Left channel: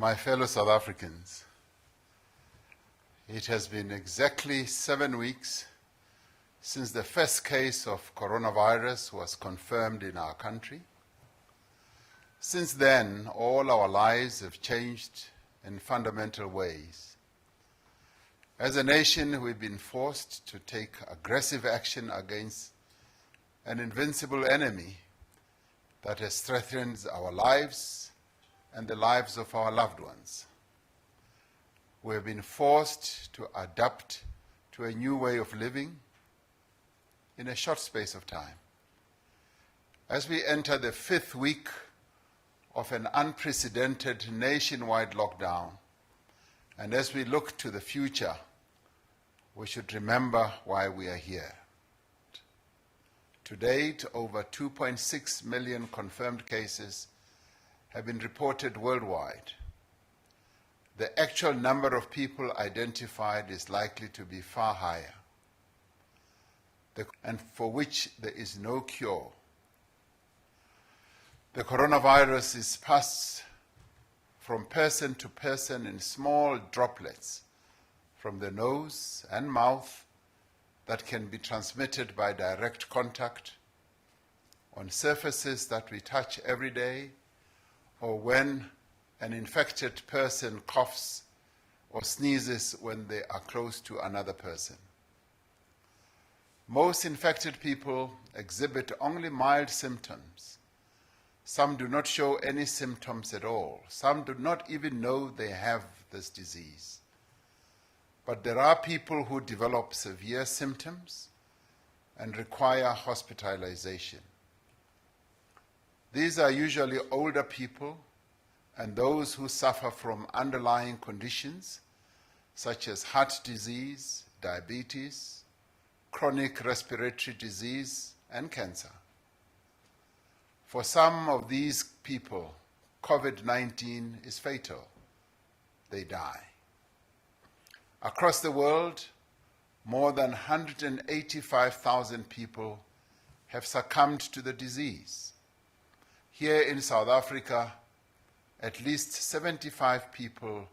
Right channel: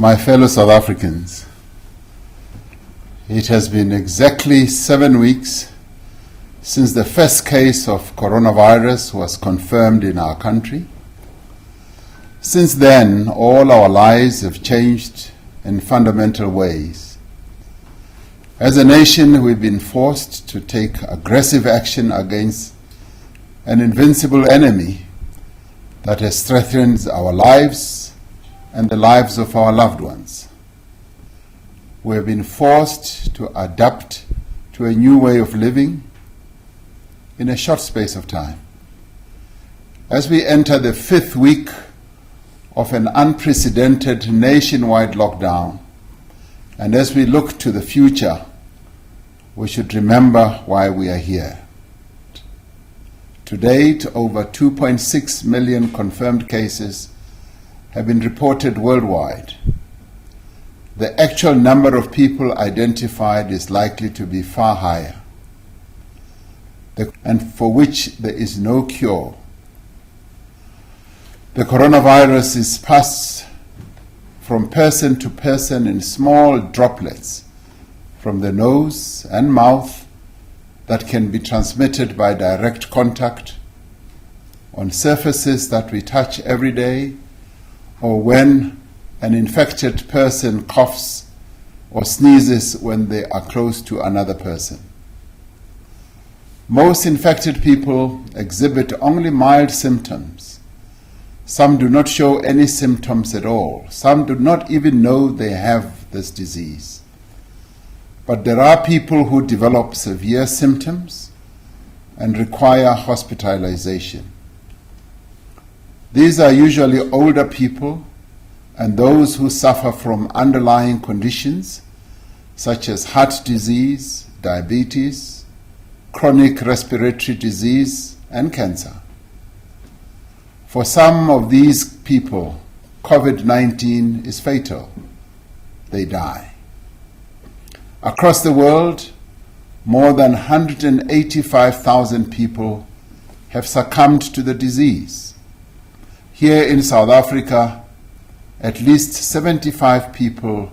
My fellow South Africans, it has been exactly 7 weeks since the first case of coronavirus was confirmed in our country. Since then, all our lives have changed in fundamental ways. As a nation, we've been forced to take aggressive action against an invincible enemy that has threatened our lives and the lives of our loved ones. We have been forced to adapt to a new way of living in a short space of time. As we enter the 5th week of an unprecedented nationwide lockdown, and as we look to the future, we should remember why we are here. To date, over 2.6 million confirmed cases have been reported worldwide. The actual number of people identified is likely to be far higher, and for which there is no cure. The coronavirus is passed from person to person in small droplets from the nose and mouth that can be transmitted by direct contact, on surfaces that we touch every day, or when an infected person coughs or sneezes when they are close to another person. Most infected people exhibit only mild symptoms. Some do not show any symptoms at all. Some do not even know they have this disease. But there are people who develop severe symptoms and require hospitalization. These are usually older people and those who suffer from underlying conditions such as heart disease, diabetes, chronic respiratory disease, and cancer. For some of these people, COVID-19 is fatal. They die. Across the world, more than 185,000 people have succumbed to the disease. Here in South Africa, at least 75 people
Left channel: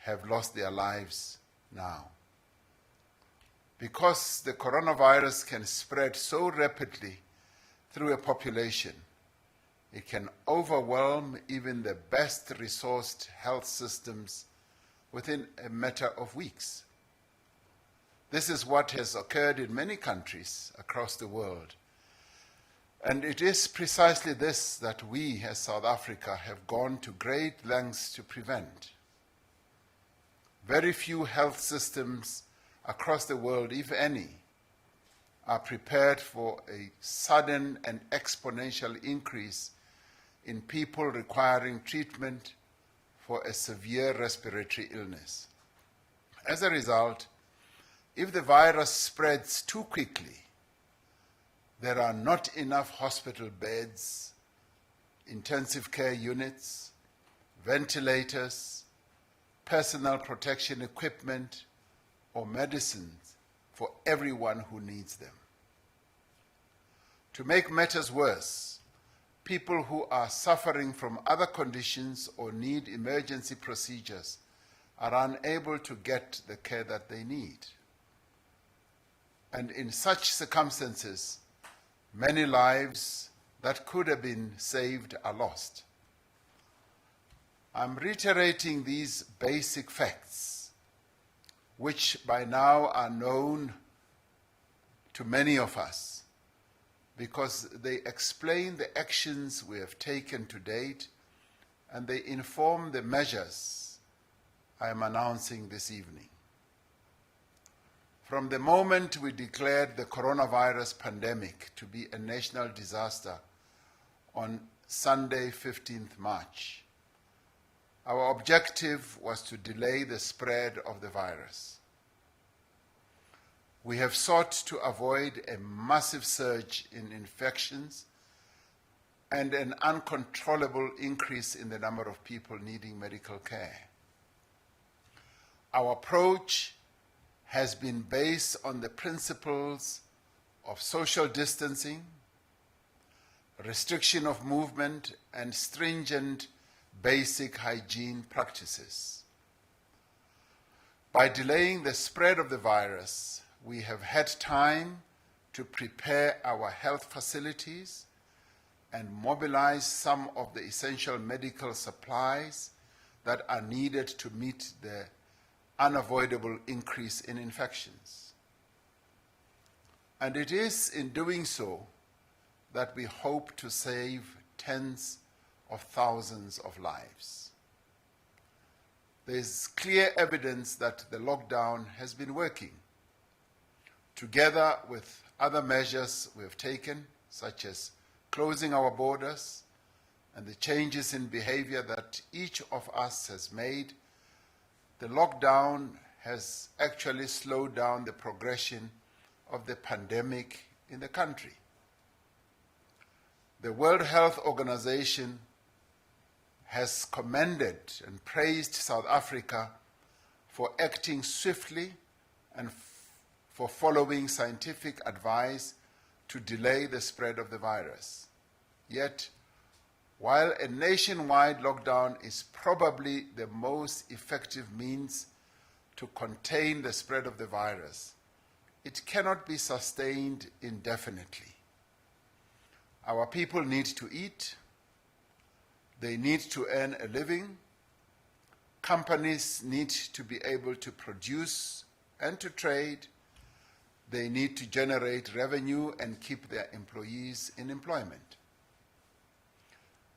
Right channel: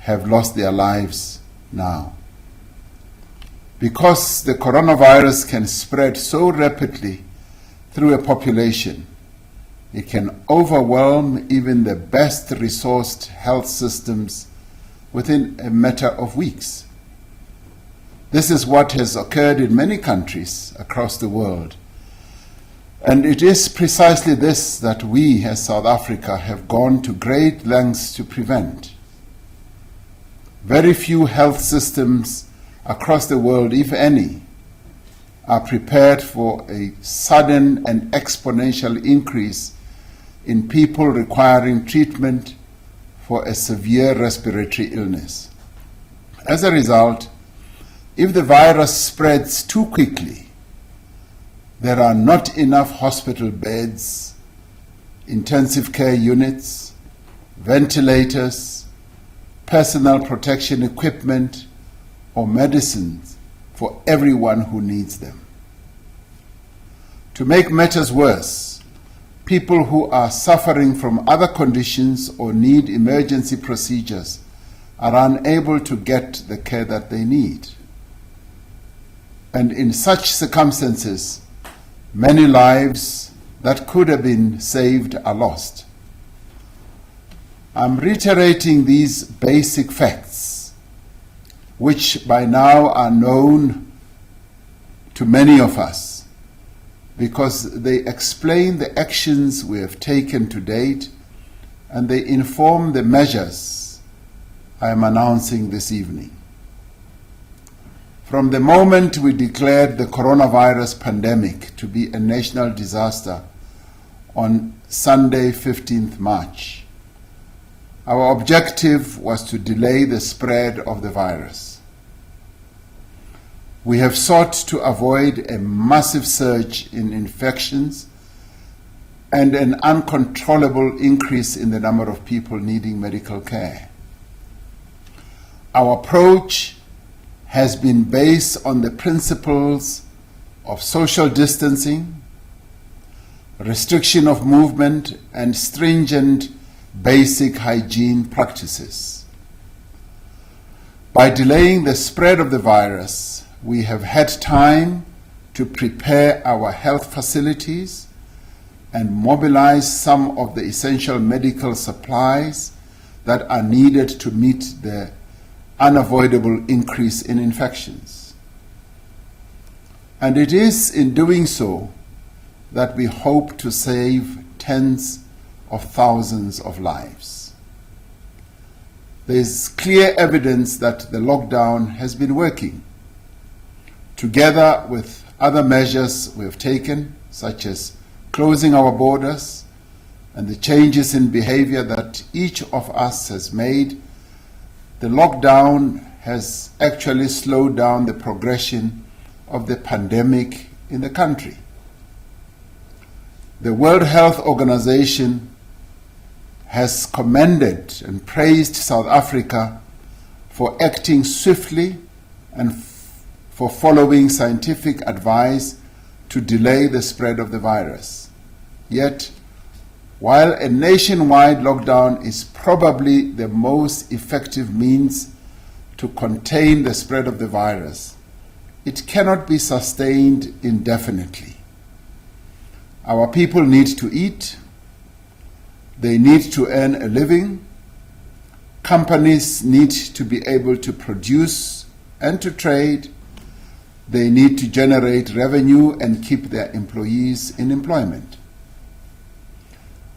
have lost their lives now. Because the coronavirus can spread so rapidly through a population, it can overwhelm even the best resourced health systems within a matter of weeks. This is what has occurred in many countries across the world. And it is precisely this that we as South Africa have gone to great lengths to prevent. Very few health systems across the world, if any, are prepared for a sudden and exponential increase in people requiring treatment for a severe respiratory illness. As a result, if the virus spreads too quickly, there are not enough hospital beds, intensive care units, ventilators, personal protection equipment, or medicines for everyone who needs them. To make matters worse, people who are suffering from other conditions or need emergency procedures are unable to get the care that they need. And in such circumstances, many lives that could have been saved are lost. I'm reiterating these basic facts, which by now are known to many of us, because they explain the actions we have taken to date and they inform the measures I am announcing this evening. From the moment we declared the coronavirus pandemic to be a national disaster on Sunday, 15th March, our objective was to delay the spread of the virus. We have sought to avoid a massive surge in infections and an uncontrollable increase in the number of people needing medical care. Our approach has been based on the principles of social distancing, restriction of movement, and stringent basic hygiene practices. By delaying the spread of the virus, we have had time to prepare our health facilities and mobilize some of the essential medical supplies that are needed to meet the unavoidable increase in infections. And it is in doing so that we hope to save tens of thousands of lives. There is clear evidence that the lockdown has been working. Together with other measures we have taken, such as closing our borders and the changes in behavior that each of us has made, the lockdown has actually slowed down the progression of the pandemic in the country. The World Health Organization has commended and praised South Africa for acting swiftly and for following scientific advice to delay the spread of the virus. Yet, while a nationwide lockdown is probably the most effective means to contain the spread of the virus, it cannot be sustained indefinitely. Our people need to eat, they need to earn a living, companies need to be able to produce and to trade, they need to generate revenue and keep their employees in employment.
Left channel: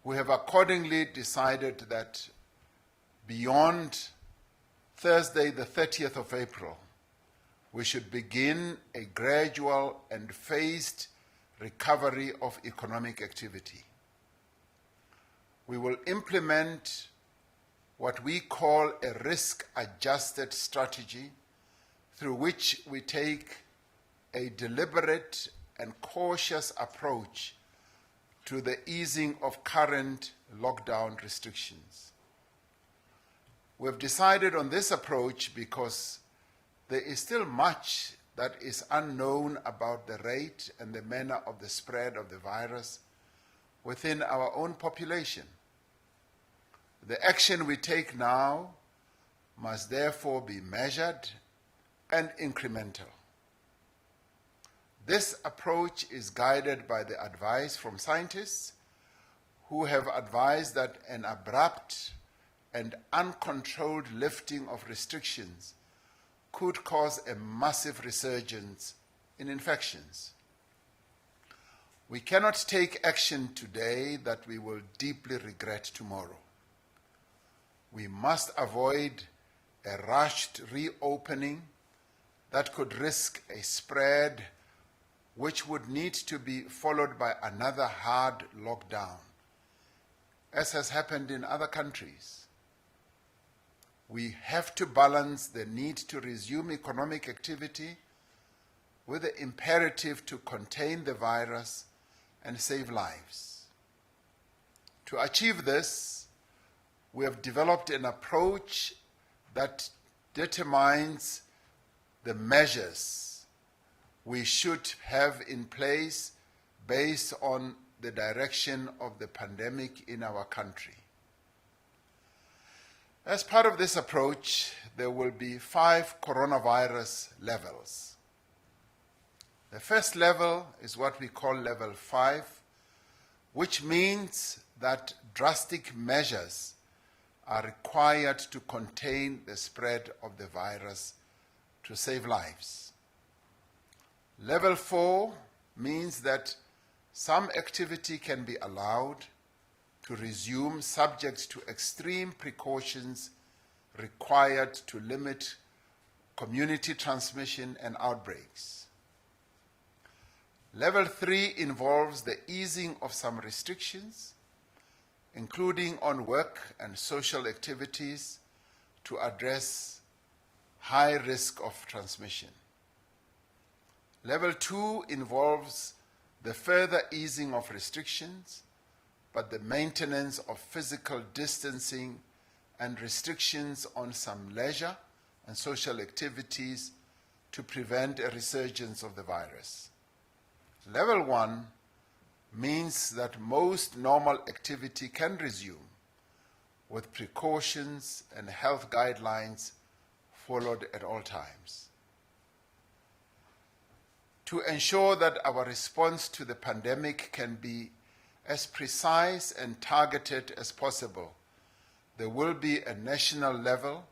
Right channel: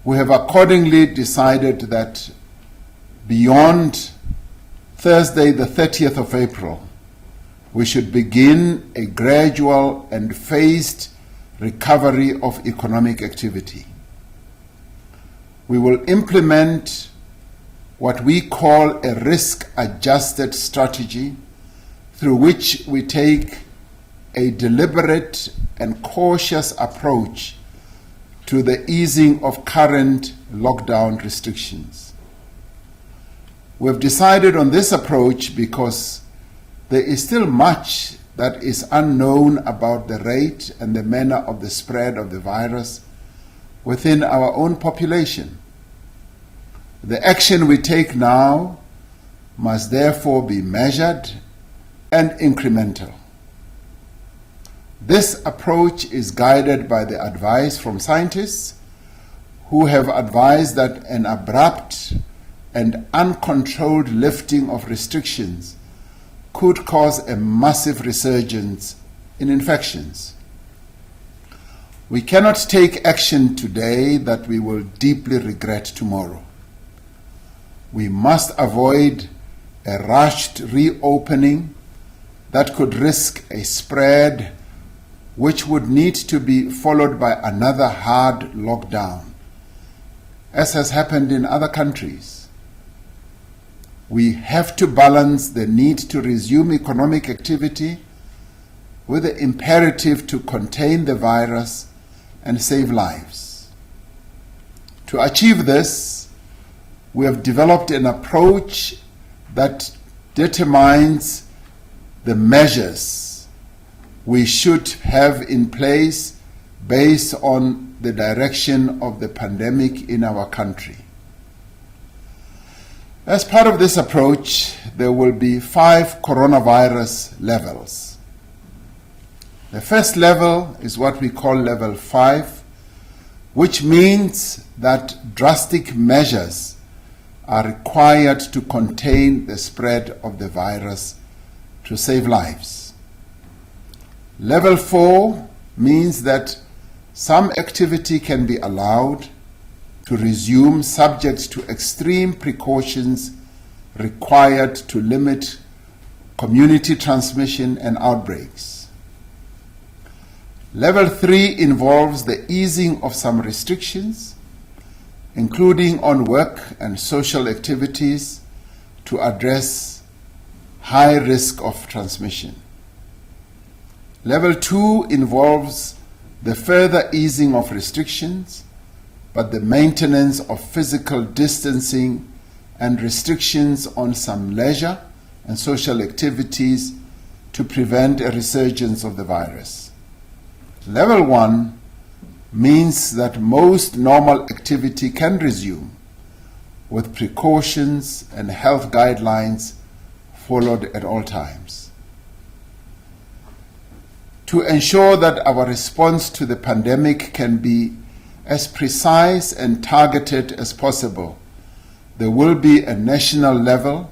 We have accordingly decided that beyond Thursday, the 30th of April, we should begin a gradual and phased recovery of economic activity. We will implement what we call a risk-adjusted strategy through which we take a deliberate and cautious approach to the easing of current lockdown restrictions. We've decided on this approach because there is still much that is unknown about the rate and the manner of the spread of the virus within our own population. The action we take now must therefore be measured and incremental. This approach is guided by the advice from scientists who have advised that an abrupt and uncontrolled lifting of restrictions could cause a massive resurgence in infections. We cannot take action today that we will deeply regret tomorrow. We must avoid a rushed reopening that could risk a spread which would need to be followed by another hard lockdown, as has happened in other countries. We have to balance the need to resume economic activity with the imperative to contain the virus and save lives. To achieve this, we have developed an approach that determines the measures we should have in place based on the direction of the pandemic in our country. As part of this approach, there will be 5 coronavirus levels. The first level is what we call level 5, which means that drastic measures are required to contain the spread of the virus to save lives. Level 4 means that some activity can be allowed to resume subject to extreme precautions required to limit community transmission and outbreaks. Level 3 involves the easing of some restrictions, including on work and social activities, to address high risk of transmission. Level 2 involves the further easing of restrictions, but the maintenance of physical distancing and restrictions on some leisure and social activities to prevent a resurgence of the virus. Level 1 means that most normal activity can resume, with precautions and health guidelines followed at all times. To ensure that our response to the pandemic can be as precise and targeted as possible, there will be a national level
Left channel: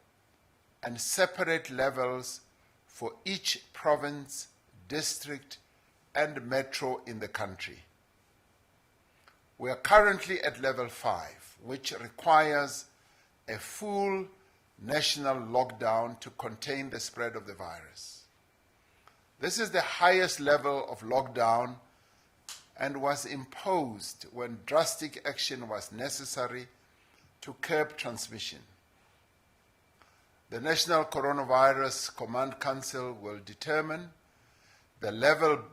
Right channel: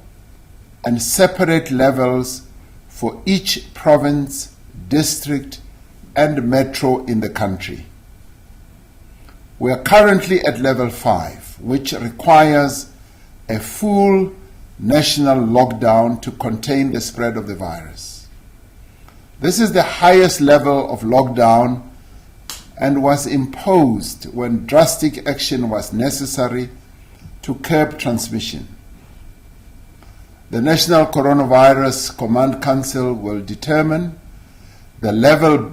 and separate levels for each province, district, and metro in the country. We are currently at level 5, which requires a full national lockdown to contain the spread of the virus. This is the highest level of lockdown and was imposed when drastic action was necessary to curb transmission. The National Coronavirus Command Council will determine the level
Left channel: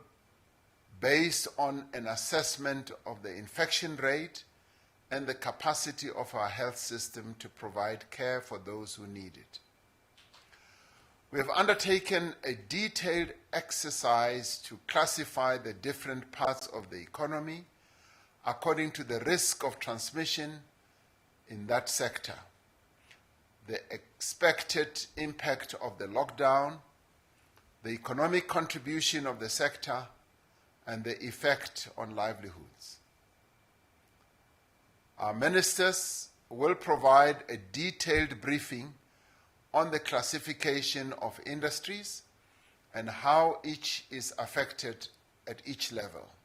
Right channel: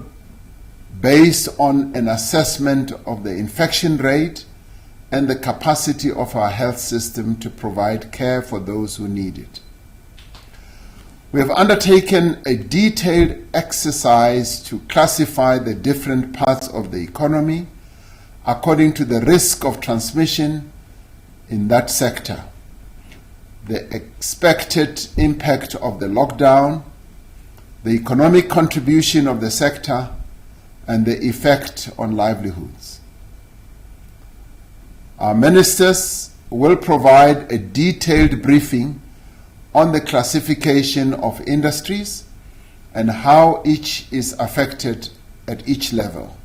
based on an assessment of the infection rate and the capacity of our health system to provide care for those who need it. We have undertaken a detailed exercise to classify the different parts of the economy according to the risk of transmission in that sector, the expected impact of the lockdown, the economic contribution of the sector, and the effect on livelihoods. Our ministers will provide a detailed briefing on the classification of industries and how each is affected at each level.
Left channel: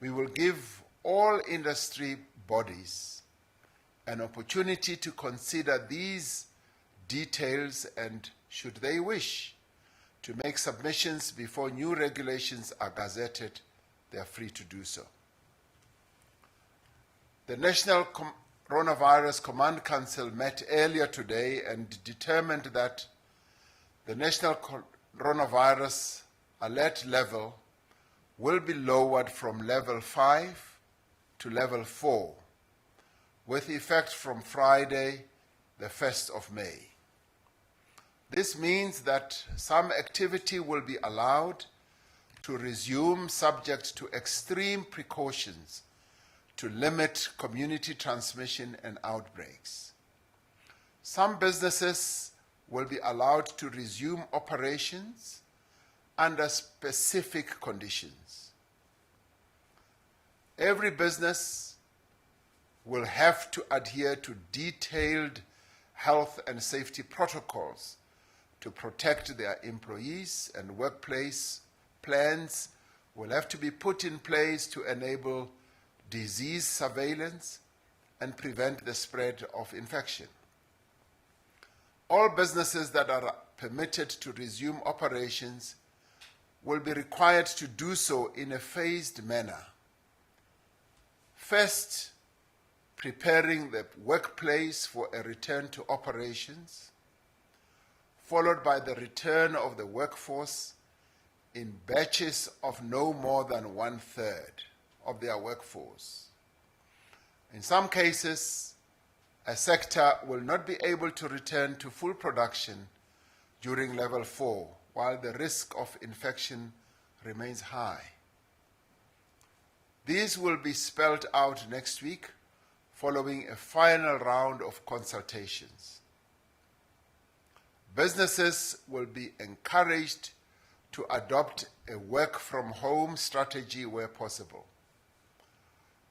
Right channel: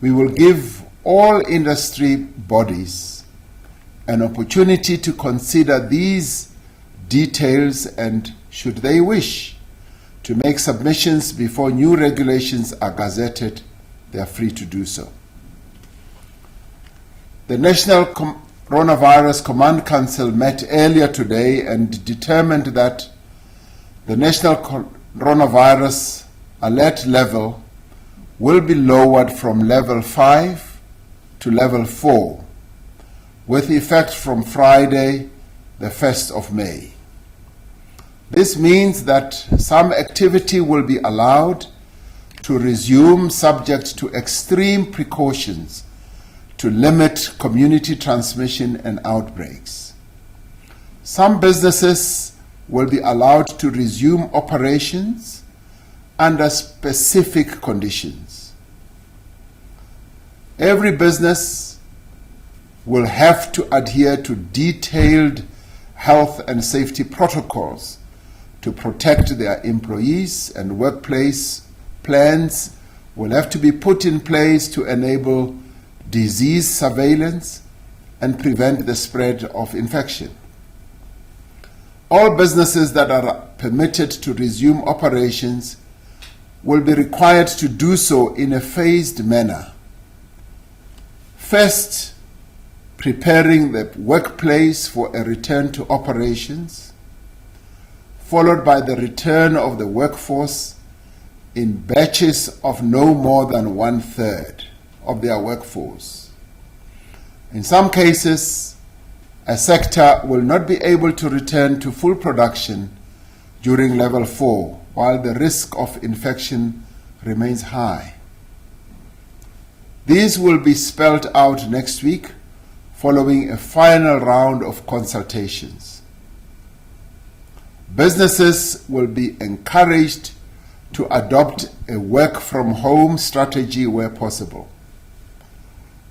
We will give all industry bodies an opportunity to consider these details and, should they wish, to make submissions before new regulations are gazetted, they are free to do so. The National Coronavirus Command Council met earlier today and determined that the National Coronavirus Alert level will be lowered from level 5 to level 4, with effect from Friday, the 1st of May. This means that some activity will be allowed to resume subject to extreme precautions to limit community transmission and outbreaks. Some businesses will be allowed to resume operations under specific conditions. Every business will have to adhere to detailed health and safety protocols to protect their employees, and workplace plans will have to be put in place to enable disease surveillance and prevent the spread of infection. All businesses that are permitted to resume operations will be required to do so in a phased manner. First, preparing the workplace for a return to operations, followed by the return of the workforce in batches of no more than 1/3 of their workforce. In some cases, a sector will not be able to return to full production during level 4, while the risk of infection remains high. These will be spelled out next week following a final round of consultations. Businesses will be encouraged to adopt a work-from-home strategy where possible.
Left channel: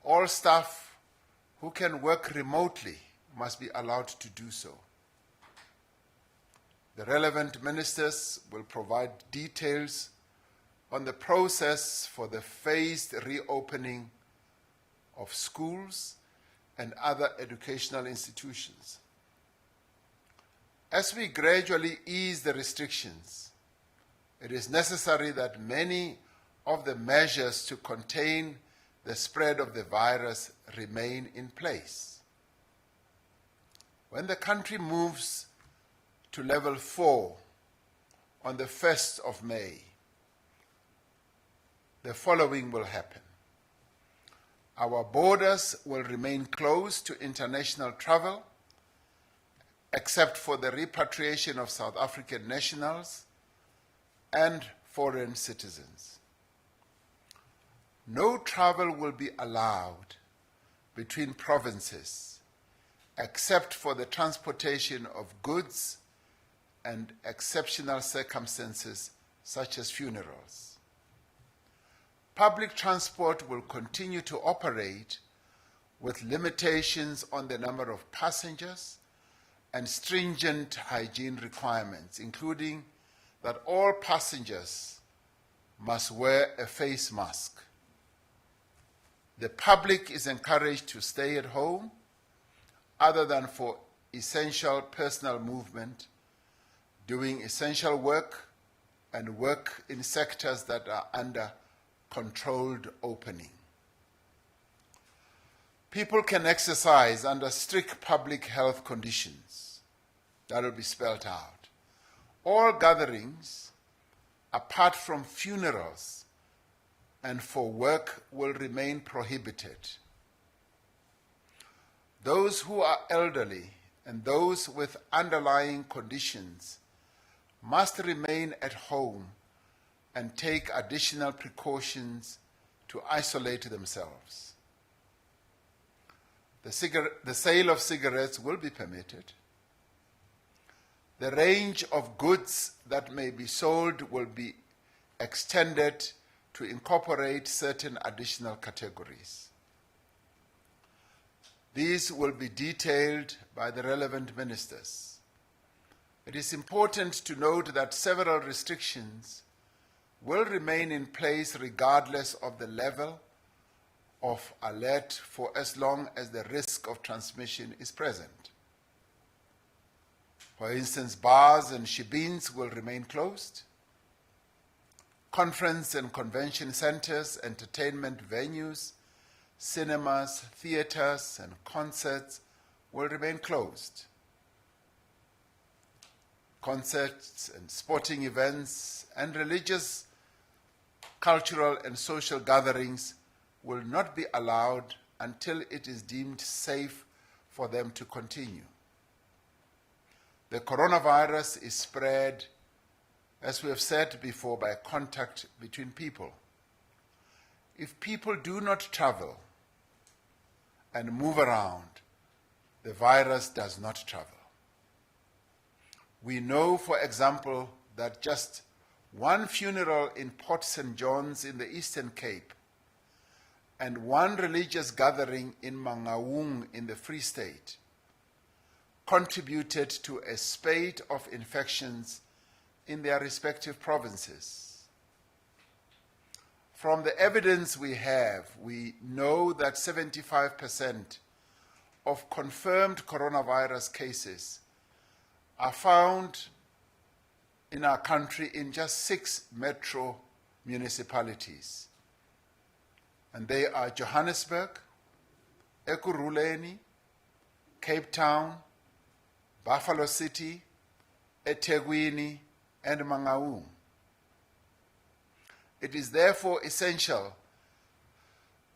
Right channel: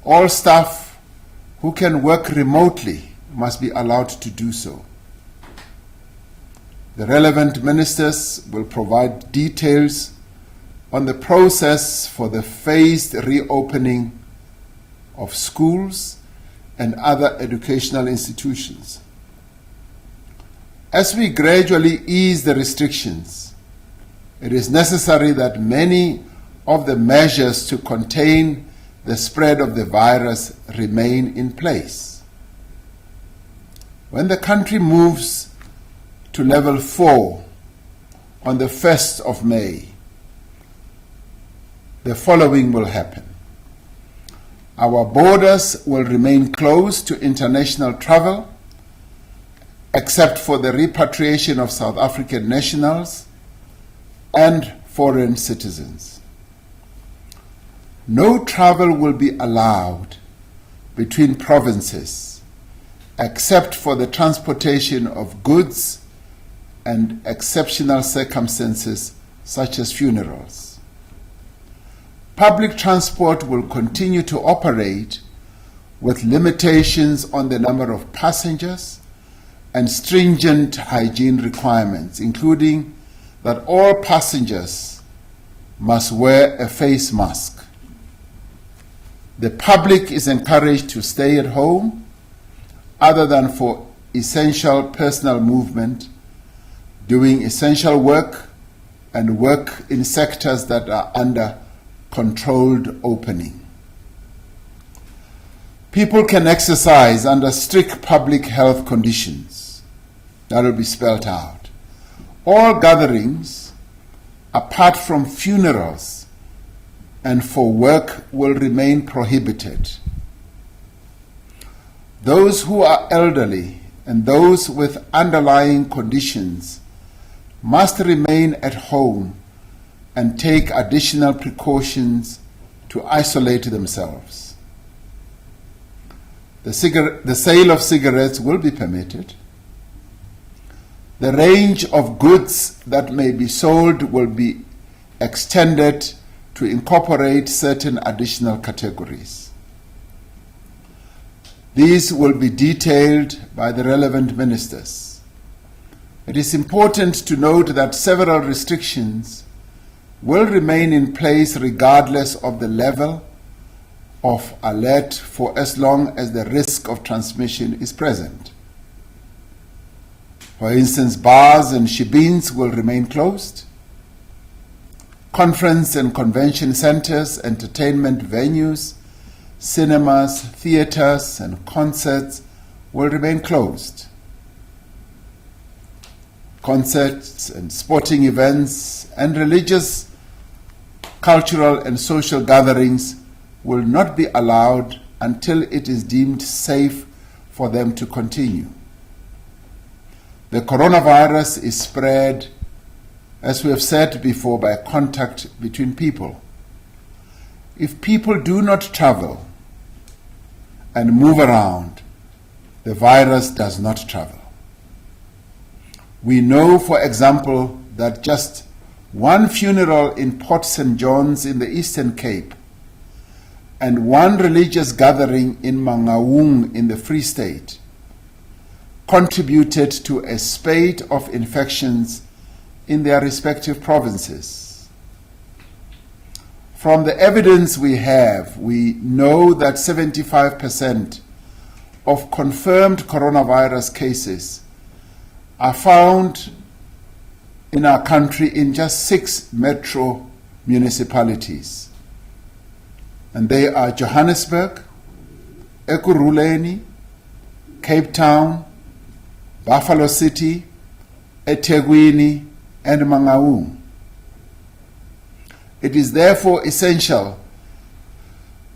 All staff who can work remotely must be allowed to do so. The relevant ministers will provide details on the process for the phased reopening of schools and other educational institutions. As we gradually ease the restrictions, it is necessary that many of the measures to contain the spread of the virus remain in place. When the country moves to level 4 on the 1st of May, the following will happen. Our borders will remain closed to international travel, except for the repatriation of South African nationals and foreign citizens. No travel will be allowed between provinces, except for the transportation of goods and exceptional circumstances such as funerals. Public transport will continue to operate with limitations on the number of passengers and stringent hygiene requirements, including that all passengers must wear a face mask. The public is encouraged to stay at home other than for essential personal movement, doing essential work, and work in sectors that are under controlled opening. People can exercise under strict public health conditions. That will be spelled out. All gatherings, apart from funerals and for work, will remain prohibited. Those who are elderly and those with underlying conditions must remain at home and take additional precautions to isolate themselves. The sale of cigarettes will be permitted. The range of goods that may be sold will be extended to incorporate certain additional categories. These will be detailed by the relevant ministers. It is important to note that several restrictions will remain in place regardless of the level of alert for as long as the risk of transmission is present. For instance, bars and shebeens will remain closed. Conference and convention centers, entertainment venues, cinemas, theaters, and concerts will remain closed. Concerts and sporting events and religious, cultural, and social gatherings will not be allowed until it is deemed safe for them to continue. The coronavirus is spread, as we have said before, by contact between people. If people do not travel and move around, the virus does not travel. We know, for example, that just one funeral in Port St. John's in the Eastern Cape and one religious gathering in Mangaung in the Free State contributed to a spate of infections in their respective provinces. From the evidence we have, we know that 75% of confirmed coronavirus cases are found in our country in just 6 metro municipalities. And they are Johannesburg, Ekurhuleni, Cape Town, Buffalo City, eThekwini, and Mangaung. It is therefore essential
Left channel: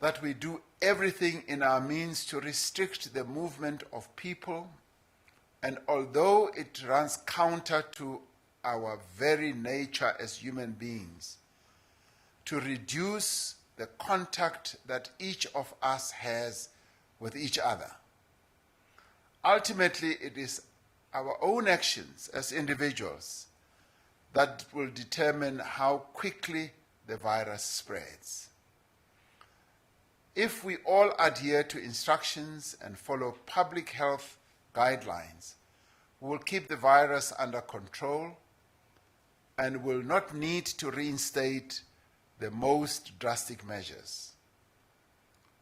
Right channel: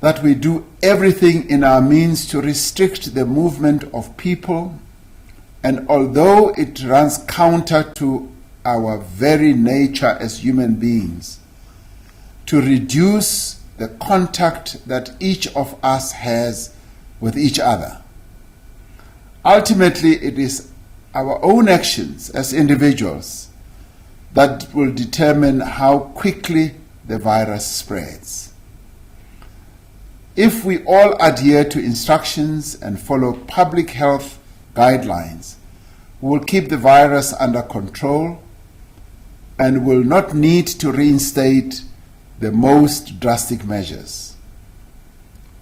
that we do everything in our means to restrict the movement of people, and although it runs counter to our very nature as human beings, to reduce the contact that each of us has with each other. Ultimately, it is our own actions as individuals that will determine how quickly the virus spreads. If we all adhere to instructions and follow public health guidelines, we will keep the virus under control and will not need to reinstate the most drastic measures.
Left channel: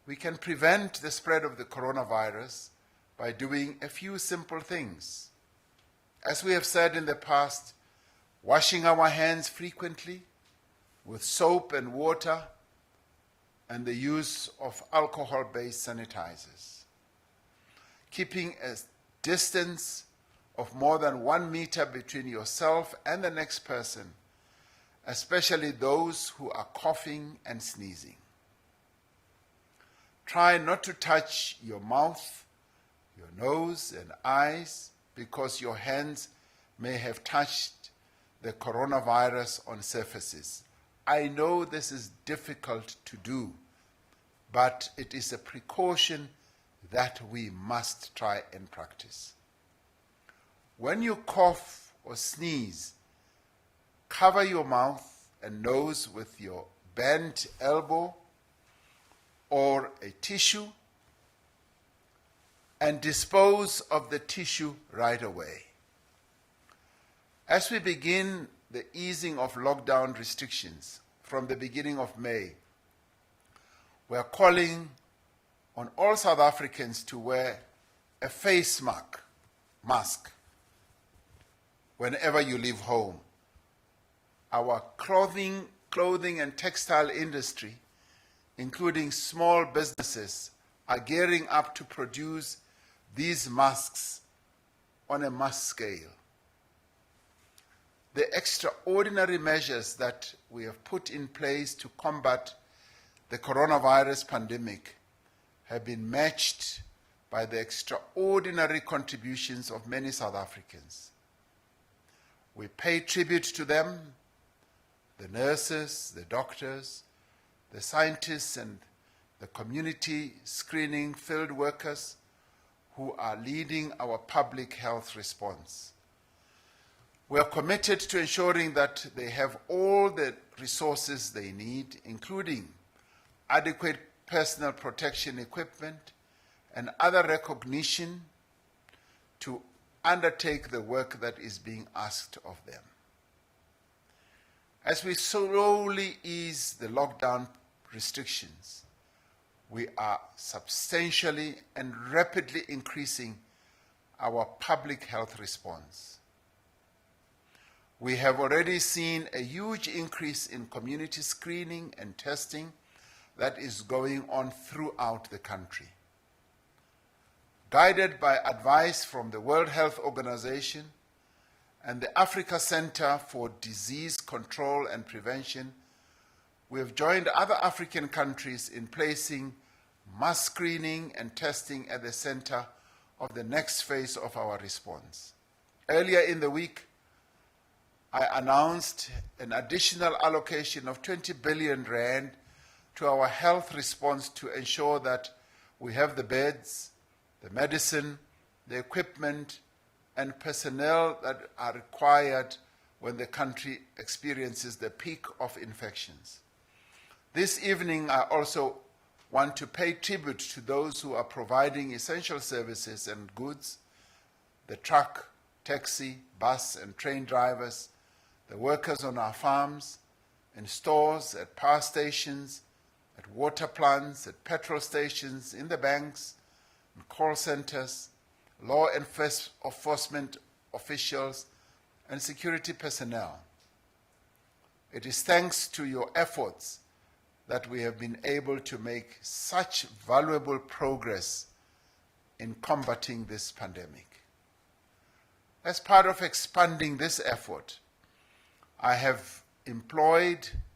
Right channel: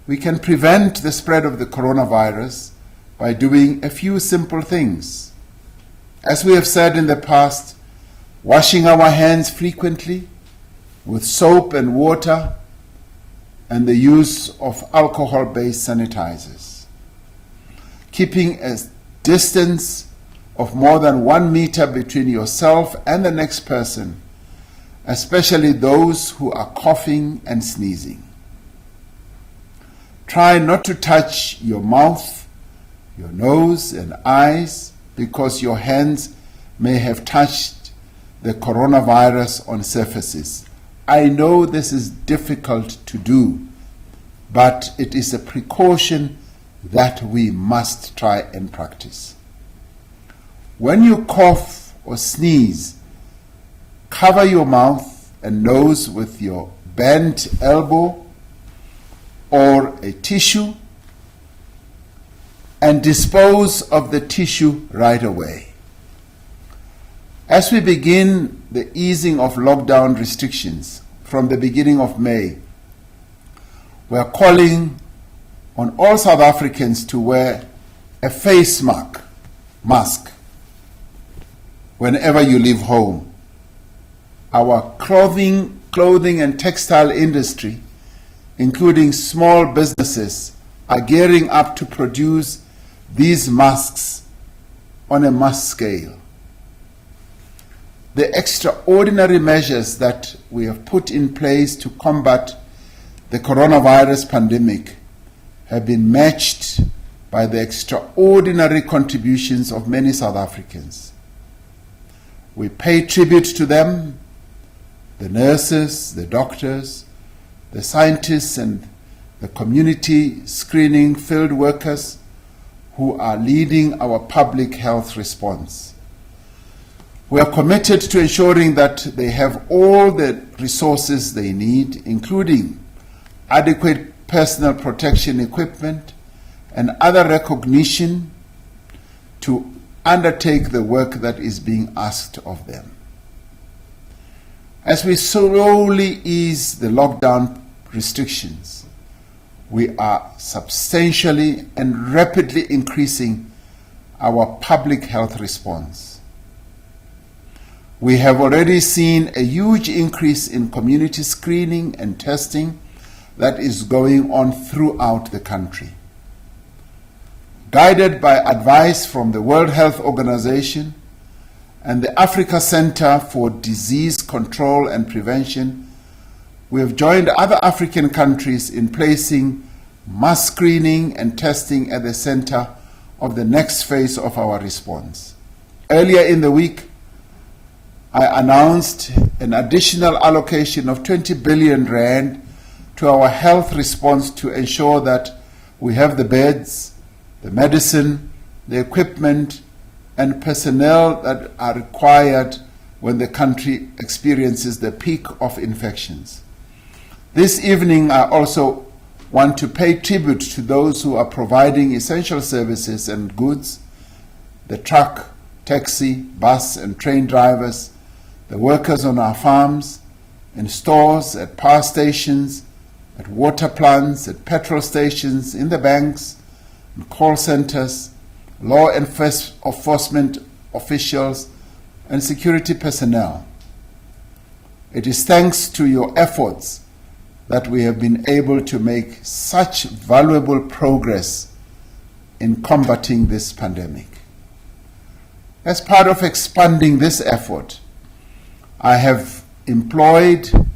We can prevent the spread of the coronavirus by doing a few simple things. As we have said in the past, washing our hands frequently with soap and water and the use of alcohol-based sanitizers. Keeping a distance of more than 1 meter between yourself and the next person, especially those who are coughing and sneezing. Try not to touch your mouth, your nose and eyes, because your hands may have touched the coronavirus on surfaces. I know this is difficult to do, but it is a precaution that we must try and practice. When you cough or sneeze, cover your mouth and nose with your bent elbow or a tissue and dispose of the tissue right away. As we begin the easing of lockdown restrictions from the beginning of May, we are calling on all South Africans to wear a face mask whenever you leave home. Our clothing and textile industry, including small businesses, are gearing up to produce these masks on a mass scale. The extraordinary measures that we have put in place to combat the coronavirus pandemic have been matched by the extraordinary contributions of many South Africans. We pay tribute to them, the nurses, the doctors, the scientists, and the community screening field workers who are leading our public health response. We are committed to ensuring that they have all the resources they need, including adequate personal protection equipment and other recognition to undertake the work that is being asked of them. As we slowly ease the lockdown restrictions, we are substantially and rapidly increasing our public health response. We have already seen a huge increase in community screening and testing that is going on throughout the country. Guided by advice from the World Health Organization and the Africa Center for Disease Control and Prevention, we have joined other African countries in placing mass screening and testing at the center of the next phase of our response. Earlier in the week, I announced an additional allocation of 20 billion rand to our health response to ensure that we have the beds, the medicine, the equipment, and personnel that are required when the country experiences the peak of infections. This evening, I also want to pay tribute to those who are providing essential services and goods, the truck, taxi, bus, and train drivers, the workers on our farms, in stores, at power stations, at water plants, at petrol stations, in the banks, in call centers, law enforcement officials, and security personnel. It is thanks to your efforts that we have been able to make such valuable progress in combating this pandemic. As part of expanding this effort, I have employed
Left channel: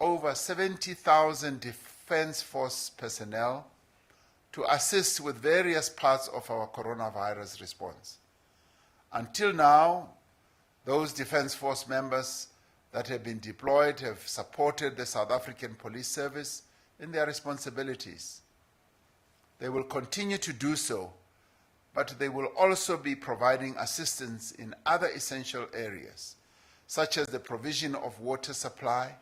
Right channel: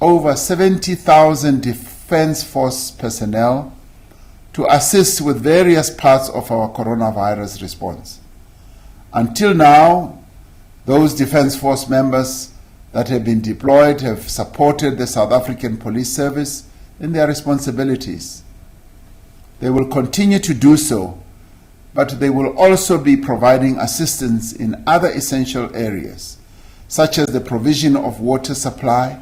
over 70,000 Defence Force personnel to assist with various parts of our coronavirus response. Until now, those Defence Force members that have been deployed have supported the South African Police Service in their responsibilities. They will continue to do so, but they will also be providing assistance in other essential areas, such as the provision of water supply,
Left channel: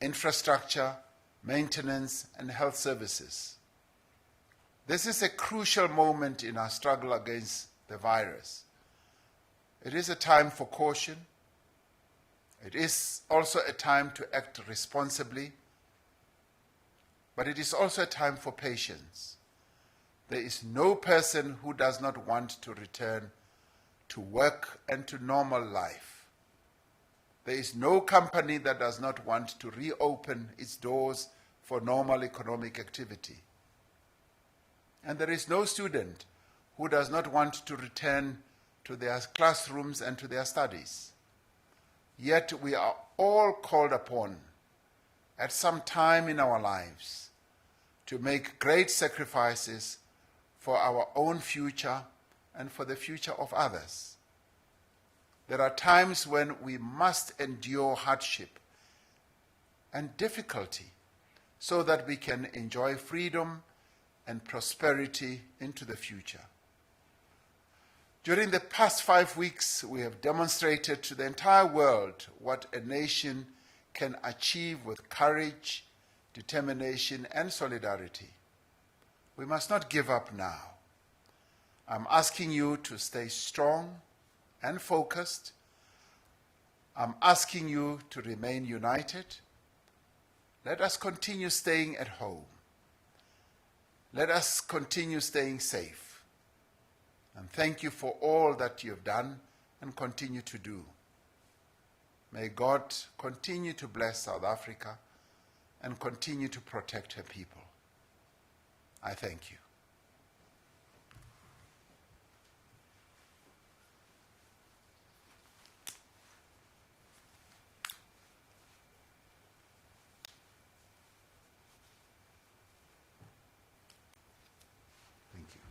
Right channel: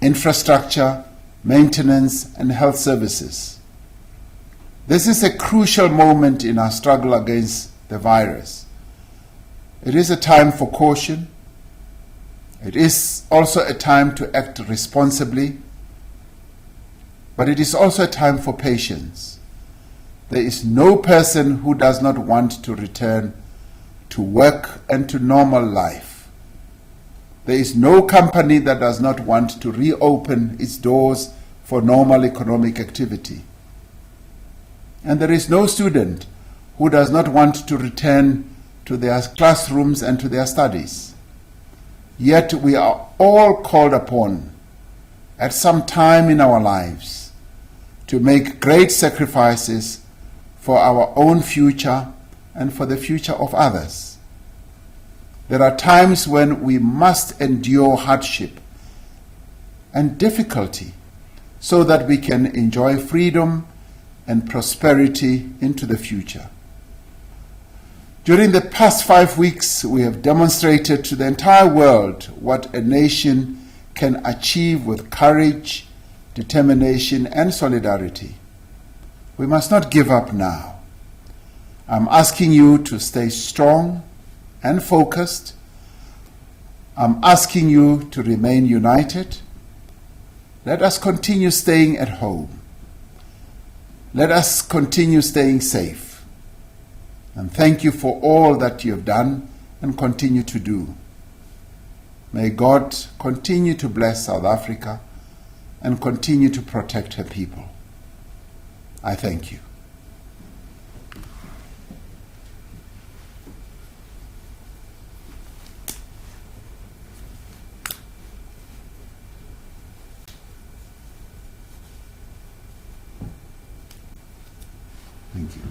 infrastructure, maintenance, and health services. This is a crucial moment in our struggle against the virus. It is a time for caution. It is also a time to act responsibly, but it is also a time for patience. There is no person who does not want to return to work and to normal life. There is no company that does not want to reopen its doors for normal economic activity. And there is no student who does not want to return to their classrooms and to their studies. Yet we are all called upon at some time in our lives to make great sacrifices for our own future and for the future of others. There are times when we must endure hardship and difficulty so that we can enjoy freedom and prosperity into the future. During the past 5 weeks, we have demonstrated to the entire world what a nation can achieve with courage, determination, and solidarity. We must not give up now. I'm asking you to stay strong and focused. I'm asking you to remain united. Let us continue staying at home. Let us continue staying safe. And thank you for all that you have done and continue to do. May God continue to bless South Africa and continue to protect her people. I thank you. Thank you.